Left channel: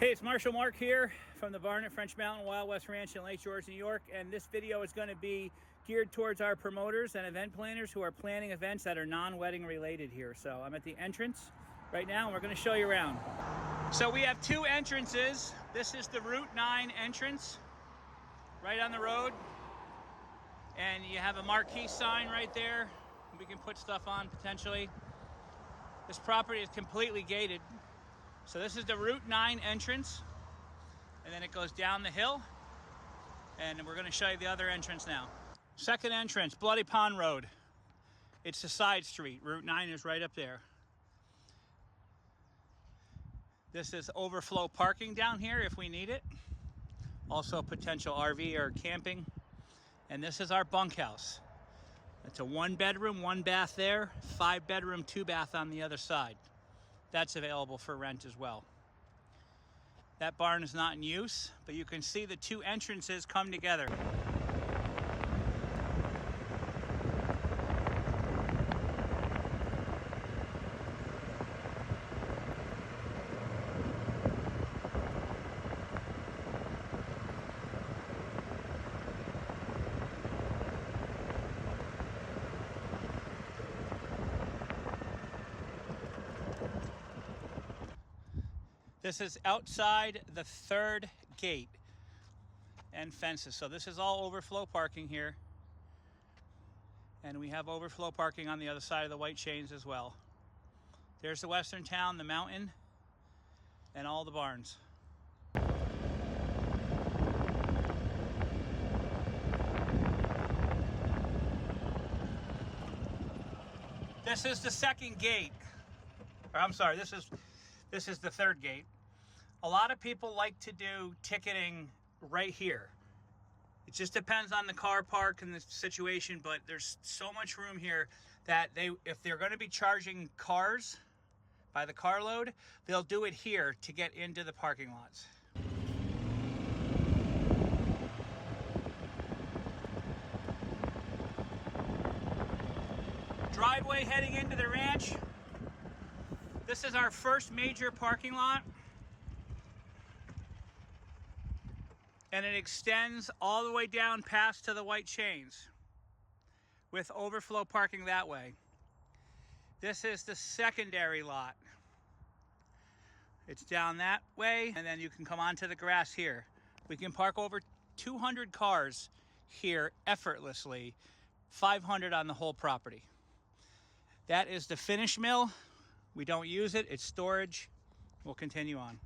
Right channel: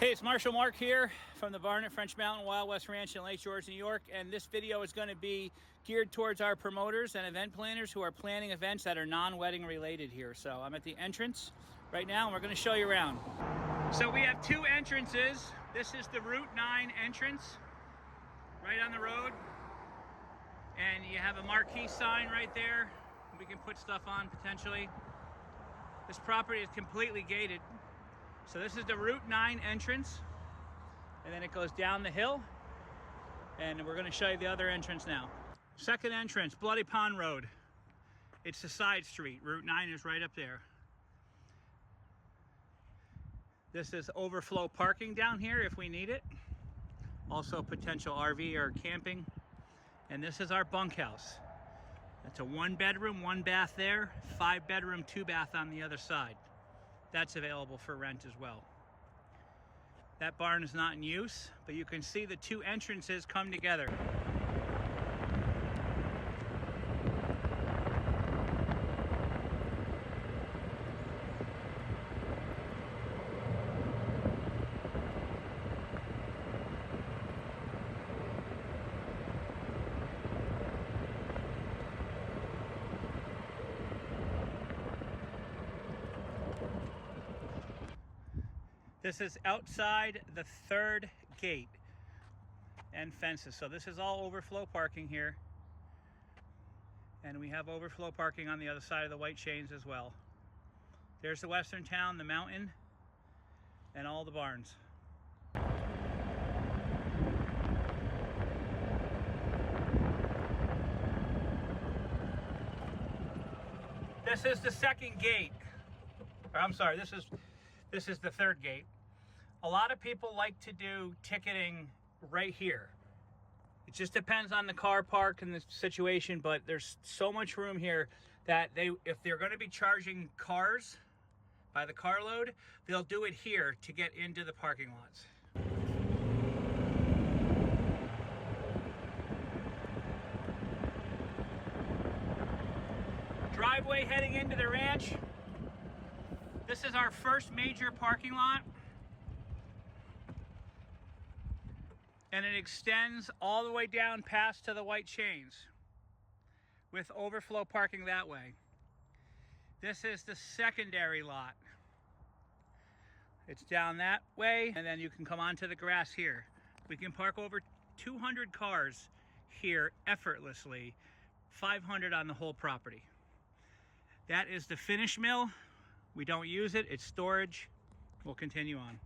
Hey, it's Marshall Mark here from the barn at French Mountain Wild West Ranch in Lake George, New York, and this video is going to be geared towards our promoters and event planners who are planning events that are non-wedding related here. So I'm at the entrance right now and we're going to show you around. So we have two entrances. This is the Route 9 entrance right on the road, and you have a marquee sign right there. We can put stuff on potentially. This property is completely gated. So this is the Route 9 entrance, and then it goes down the hill, and we're going to show you the other entrance now. Second entrance, Bloody Pond Road. It's the side street. Route 9 is right up there. This is overflow parking down here if we need it. Also potential RV or camping. And this is our bunkhouse. It's a 1-bedroom, 1 bath there, 5-bedroom, 2 bath on the other side. That's available for rent as well. That barn is not in use, but you can see the two entrances come together. This is outside the third gate and fences. So this is all overflow parking here. And we have overflow parking on the other side of the white chains as well. There's the western town, the mountain, and all the barns. This is the second gate. Or I'm sorry, this is the third gate. A lot of people like to do ticketing right here. It just depends on the car park and the situation, but there's so much room here that if they're going to be charging cars by the carload, they'll do it here to get into the parking lots. Driveway heading into the ranch. This is our first major parking lot, and it extends all the way down past to the white chains with overflow parking that way. This is the secondary lot. It's down that way, and then you can come onto the grass here. We can park over 200 cars here effortlessly, 500 on the whole property. That is the finish mill. We don't use it, it's storage. We'll continue on.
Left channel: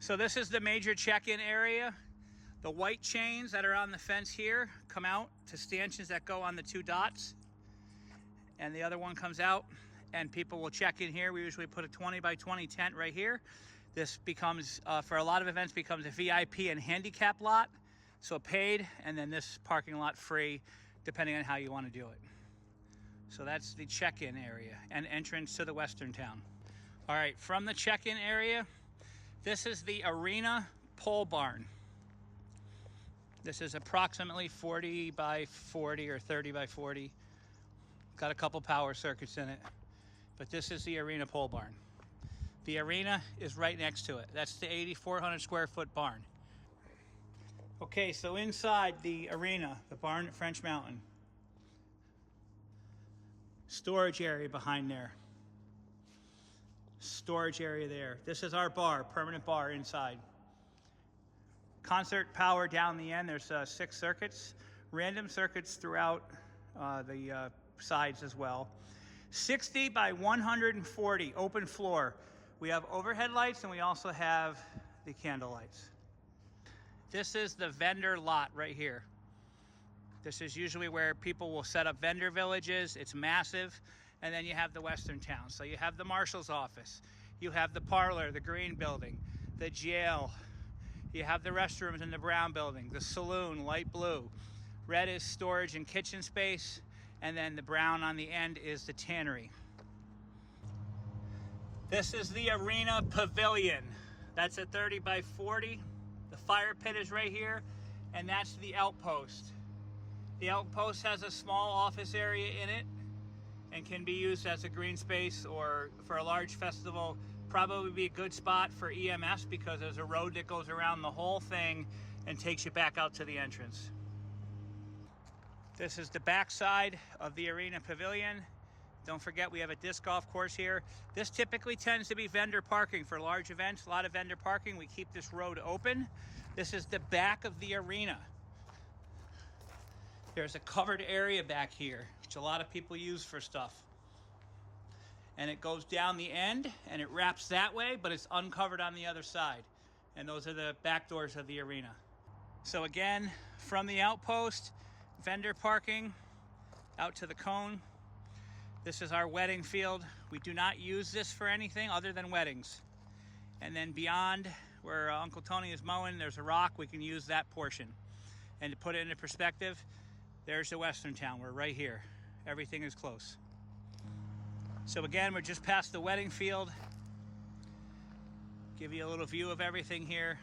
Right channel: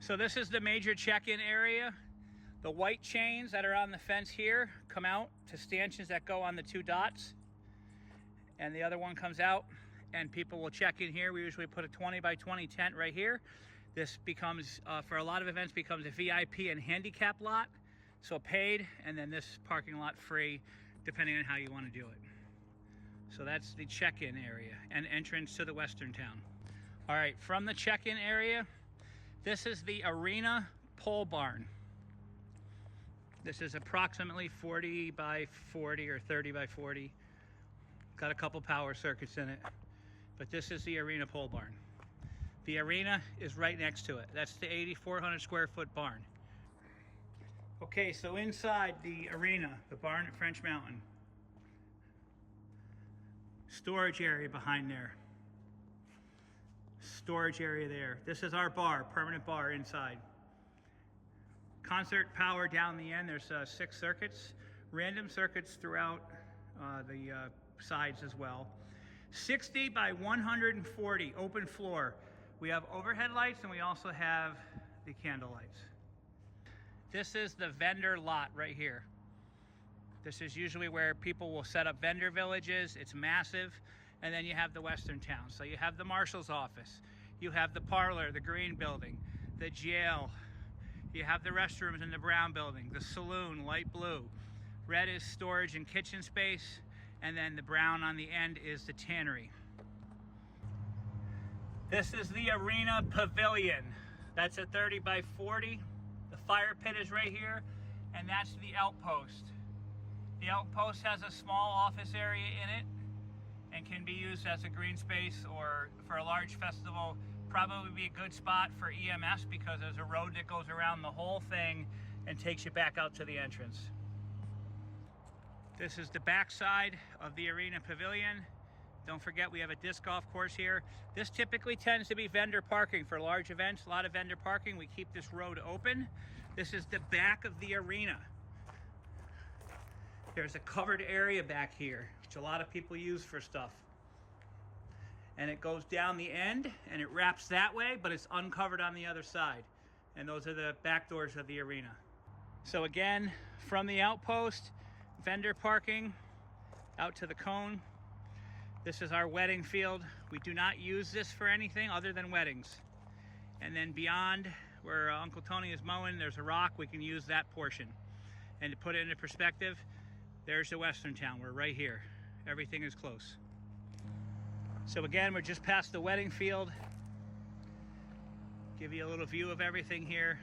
So this is the major check-in area. The white chains that are on the fence here come out to stanchions that go on the 2 dots. And the other one comes out and people will check in here. We usually put a 20 by 20 tent right here. This becomes, for a lot of events, becomes a VIP and handicap lot. So paid, and then this parking lot free, depending on how you want to do it. So that's the check-in area and entrance to the western town. All right, from the check-in area, this is the arena pole barn. This is approximately 40 by 40 or 30 by 40. Got a couple power circuits in it, but this is the arena pole barn. The arena is right next to it. That's the 8,400 square foot barn. Okay, so inside the arena, the barn at French Mountain, storage area behind there. Storage area there. This is our bar, permanent bar inside. Concert power down the end. There's 6 circuits, random circuits throughout the sides as well. 60 by 140 open floor. We have overhead lights and we also have the candle lights. This is the vendor lot right here. This is usually where people will set up vendor villages. It's massive. And then you have the western town. So you have the marshal's office. You have the parlor, the green building, the jail. You have the restrooms in the brown building, the saloon, light blue. Red is storage and kitchen space. And then the brown on the end is the tannery. This is the arena pavilion. That's a 30 by 40. The fire pit is right here. And that's the outpost. The outpost has a small office area in it and can be used as a green space, or for a large festival, probably be a good spot for EMS because there's a road that goes around the whole thing and takes you back out to the entrance. This is the back side of the arena pavilion. Don't forget, we have a disc golf course here. This typically tends to be vendor parking for large events, a lot of vendor parking. We keep this road open. This is the back of the arena. There's a covered area back here, which a lot of people use for stuff. And it goes down the end and it wraps that way, but it's uncovered on the other side. And those are the back doors of the arena. So again, from the outpost, vendor parking out to the cone. This is our wedding field. We do not use this for anything other than weddings. And then beyond where Uncle Tony is mowing, there's a rock. We can use that portion. And to put it into perspective, there's the Western Town. We're right here. Everything is close. So again, we're just past the wedding field. Give you a little view of everything here.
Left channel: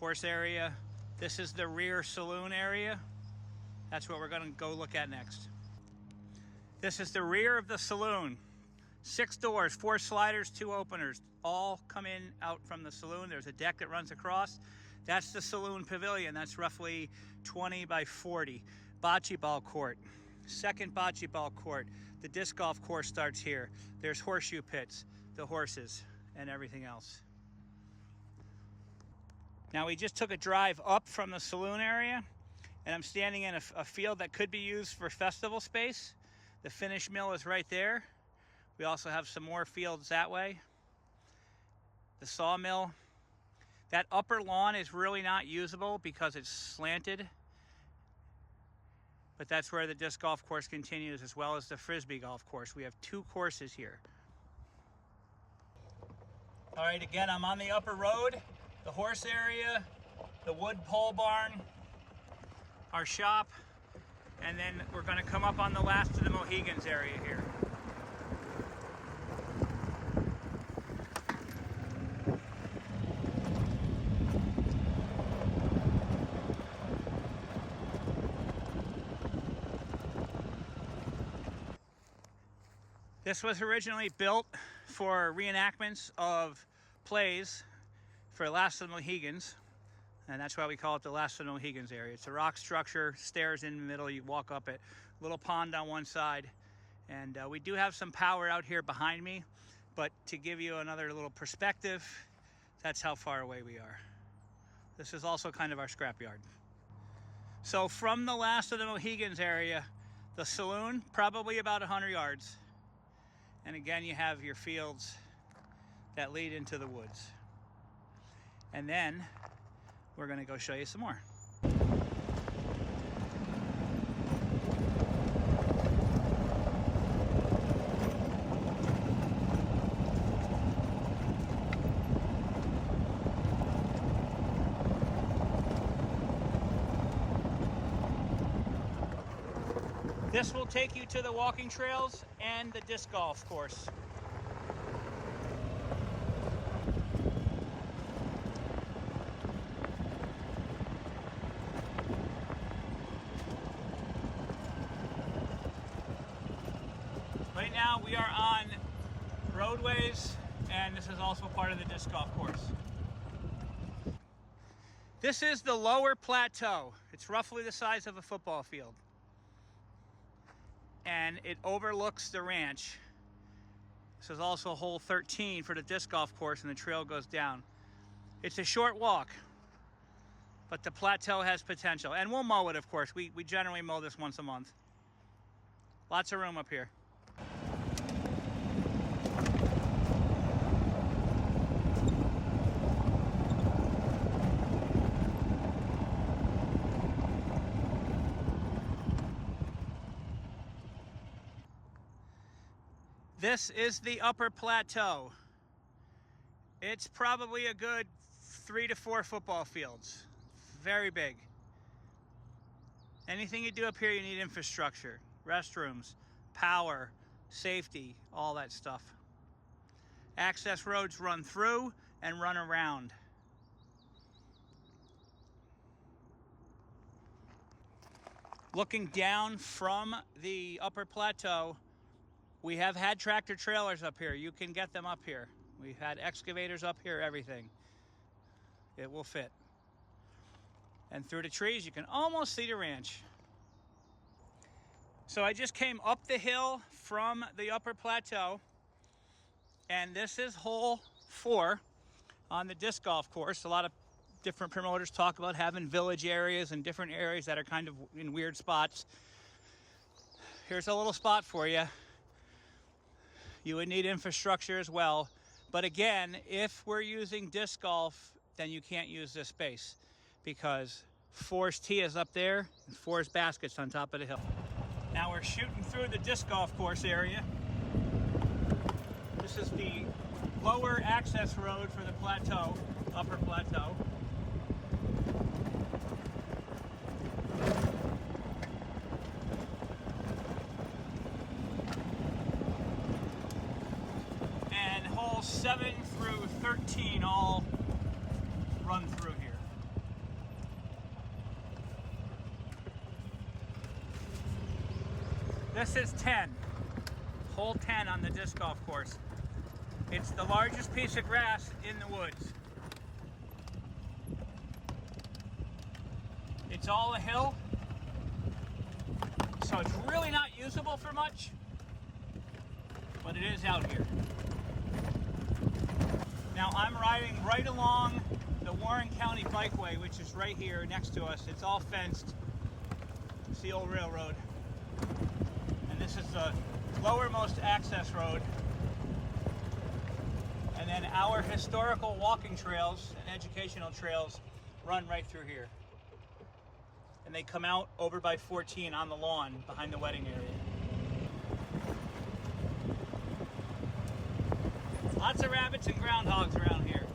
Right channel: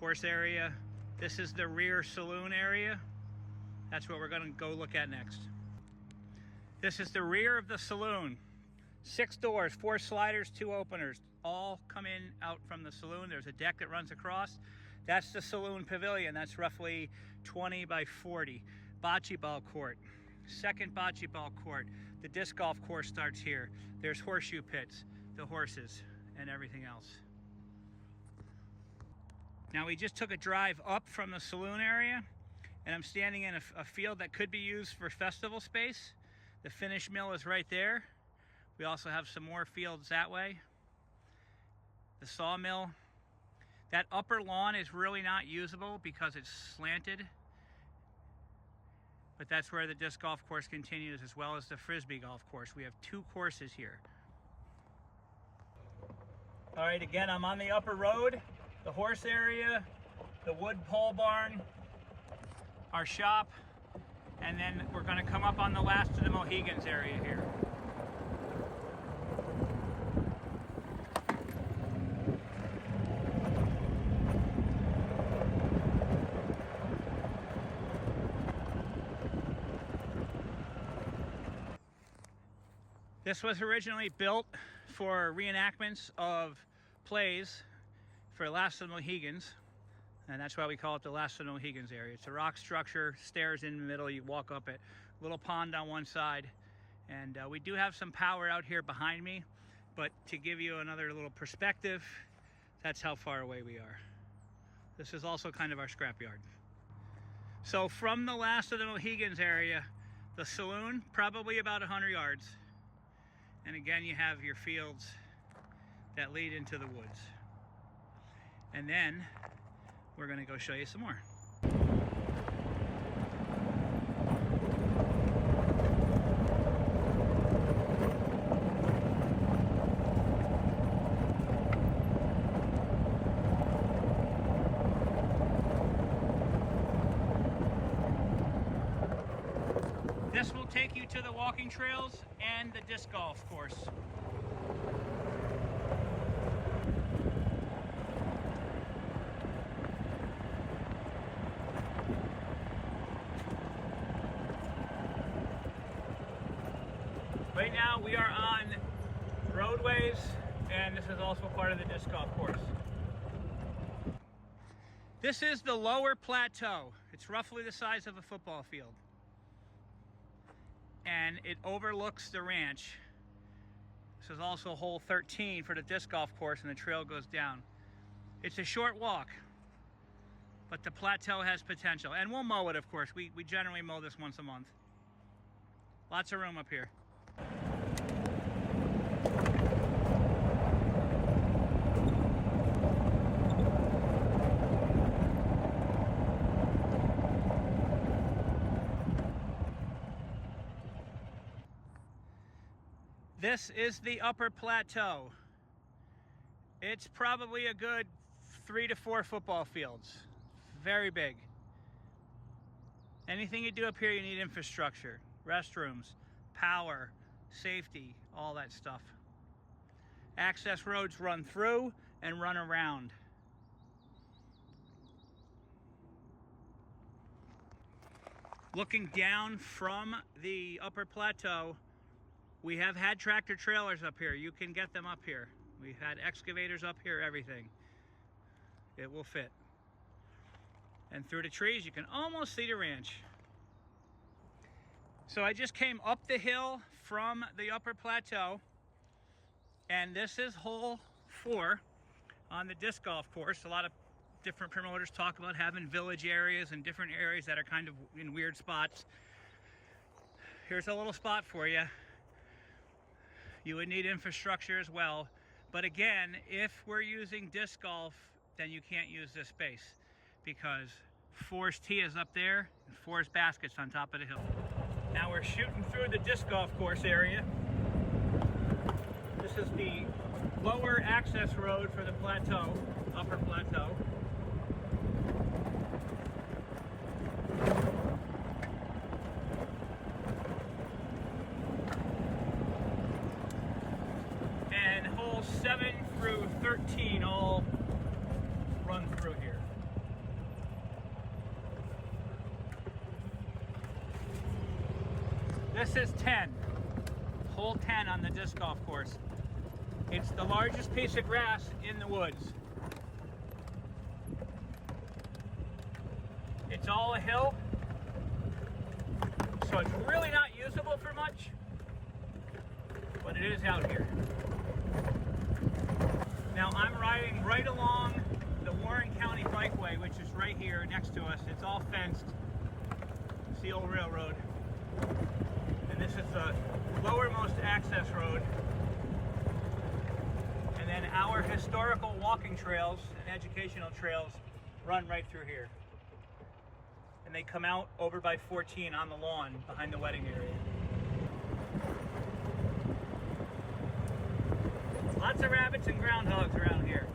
Horse area. This is the rear saloon area. That's what we're gonna go look at next. This is the rear of the saloon. 6 doors, 4 sliders, 2 openers. All come in out from the saloon. There's a deck that runs across. That's the saloon pavilion. That's roughly 20 by 40. Bocce ball court. Second bocce ball court. The disc golf course starts here. There's horseshoe pits, the horses, and everything else. Now we just took a drive up from the saloon area, and I'm standing in a field that could be used for festival space. The finish mill is right there. We also have some more fields that way. The sawmill. That upper lawn is really not usable because it's slanted. But that's where the disc golf course continues, as well as the frisbee golf course. We have 2 courses here. All right, again, I'm on the upper road, the horse area, the wood pole barn, our shop, and then we're gonna come up on the last of the Mohegans area here. This was originally built for reenactments of plays for Last of the Mohegans, and that's why we call it the Last of the Mohegans area. It's a rock structure, stairs in the middle, you walk up it, little pond on one side, and we do have some power out here behind me, but to give you another little perspective, that's how far away we are. This is also kind of our scrapyard. So from the Last of the Mohegans area, the saloon, probably about 100 yards. And again, you have your fields that lead into the woods. And then we're gonna go show you some more. This will take you to the walking trails and the disc golf course. Right now we are on roadways, and this is also part of the disc golf course. This is the lower plateau. It's roughly the size of a football field. And it overlooks the ranch. This is also hole 13 for the disc golf course, and the trail goes down. It's a short walk, but the plateau has potential. And we'll mow it, of course. We generally mow this once a month. Lots of room up here. This is the upper plateau. It's probably a good 3 to 4 football fields. Very big. Anything you do up here, you need infrastructure, restrooms, power, safety, all that stuff. Access roads run through and run around. Looking down from the upper plateau, We have had tractor trailers up here. You can get them up here. We've had excavators up here, everything. It will fit. And through the trees, you can almost see the ranch. So I just came up the hill from the upper plateau, and this is hole 4 on the disc golf course. A lot of different promoters talk about having village areas and different areas that are kind of in weird spots. Here's a little spot for you. You would need infrastructure as well. But again, if we're using disc golf, then you can't use this space because Forest Tee is up there and Forest Basket's on top of the hill. Now we're shooting through the disc golf course area. This is the lower access road for the plateau, upper plateau. And holes 7 through 13 all run through here. This is 10, hole 10 on the disc golf course. It's the largest piece of grass in the woods. It's all a hill, so it's really not usable for much, but it is out here. Now I'm riding right along the Warren County Bikeway, which is right here next to us. It's all fenced. It's the old railroad. And this is the lowermost access road. And then our historical walking trails and educational trails run right through here. And they come out over by 14 on the lawn behind the wedding area. Lots of rabbits and groundhogs around here.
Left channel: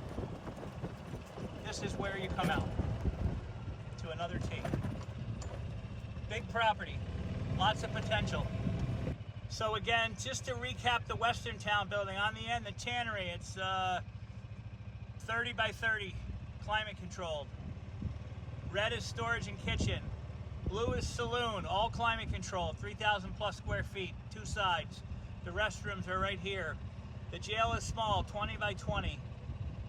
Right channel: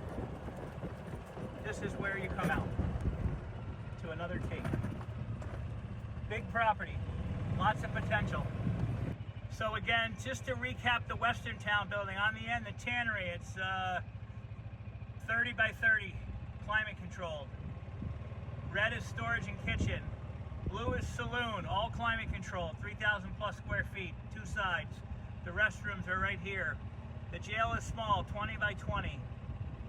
This is where you come out to another tee. Big property, lots of potential. So again, just to recap the Western Town building, on the end, the tannery, it's 30 by 30, climate controlled. Red is storage and kitchen. Blue is saloon, all climate controlled, 3,000 plus square feet, 2 sides. The restrooms are right here. The jail is small, 20 by 20.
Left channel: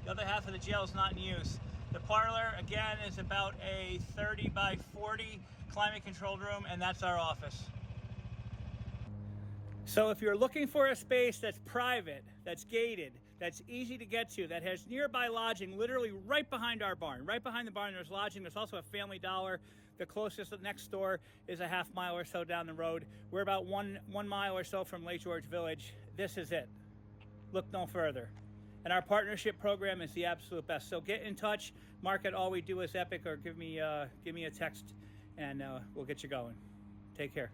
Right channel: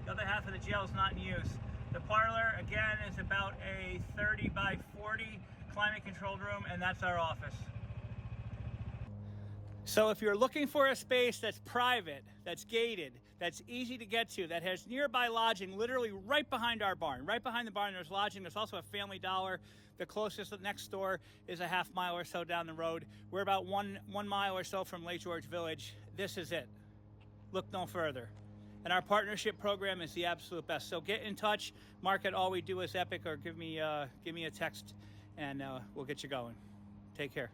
The other half of the jail is not in use. The parlor, again, is about a 30 by 40 climate controlled room, and that's our office. So if you're looking for a space that's private, that's gated, that's easy to get to, that has nearby lodging, literally right behind our barn. Right behind the barn there's lodging. There's also a Family Dollar. The closest next store is a half mile or so down the road. We're about one mile or so from Lake George Village. This is it. Look no further. And our partnership program is the absolute best. So get in touch, mark it All We Do Is Epic, or give me a text, and we'll get you going. Take care.